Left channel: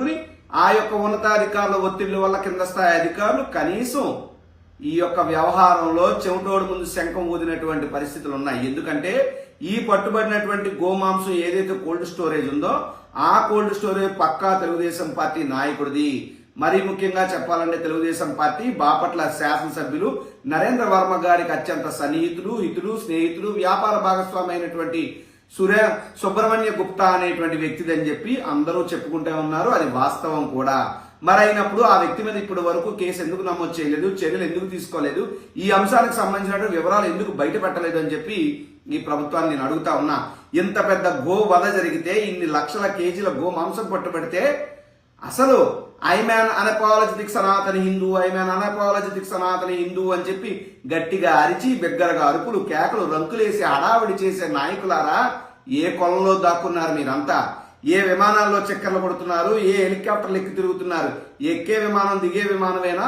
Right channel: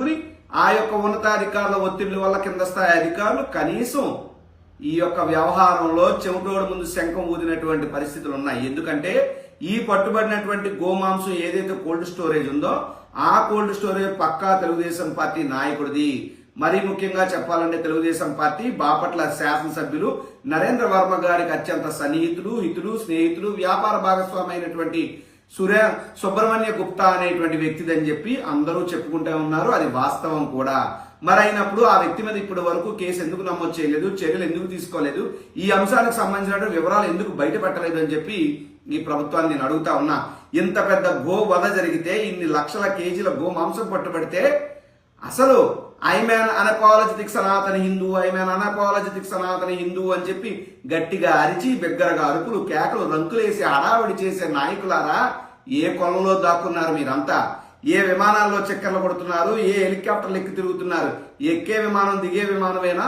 పెట్టుకుని ఆ యొక్క ఉన్నతాధికారుల ఒత్తిళ్ల వల్ల కింద స్థాయి అధికారులు కనీసం ఈ యొక్క వ్యవహారంలో చెమటోడు ముందు శంఖం ఊదినటువంటి పరిస్థితులు ఉన్నాయి. ఎందుకంటే ఈ పట్టుబడినటువంటి గోమాంసం ఏదైతే కోల్డ్ స్టోరేజ్ ఉందో ఆ కోల్డ్ స్టోరేజ్ పక్కా తెలుగుదేశం పార్టీ నాయకుడిది. మరీ ముఖ్యంగా చెప్పాలంటే తెలుగుదేశం పార్టీ బాపట్ల శాసనసభ్యులు నరేంద్ర వర్మ గారికి అత్యంత సన్నిహితులు, హితులు, స్నేహితులు, వ్యాపార భాగస్వామి అయినటువంటి సుబ్రహ్మణ్య గుప్తా అనేటువంటి వ్యక్తిదని చెప్పి అందరూ చెప్పుకుంటూ ఉన్నారు. అది వాస్తవం కూడా. మరి అయినప్పుడు ఆ వ్యక్తి మీద ఇప్పటి వరకు కేసు ఎందుకు నమోదు చేయలేదు, చర్యలు ఎందుకు తీసుకోలేదు, ఈ అంశానికి సంబంధించిన వివరాలు ఎందుకు బయట పెట్టలేదు అని చెప్పి ఈ ప్రభుత్వాన్ని నేను అడుగుతా ఉన్నా. ఇంత పెద్ద గో వధ జరిగితే, ఇన్ని లక్షల కేజీల గో మాంసం పట్టుబడితే అసలు ఐమ్యాన్ అనపాలజెటిక్ సనాతన హిందూ, ఐమ్యాన్ అనపాలజెటిక్ సనాతన హిందూ అని చెప్పి గట్టిగా అరిచి బిగ్గరగా అరుపులు, కేకలు, రంకులేసి హడావిడి చేసే నాయకులారా ఏ కొలంలో దాక్కున్నారు మీరంతా? ఏ విమానాల్లో చక్కర్లు కొడుతున్నారు? ఏ హెలికాప్టర్లు ఎక్కి తిరుగుతున్నారు? ఎక్కే విమానం దిగే విమానమేనా?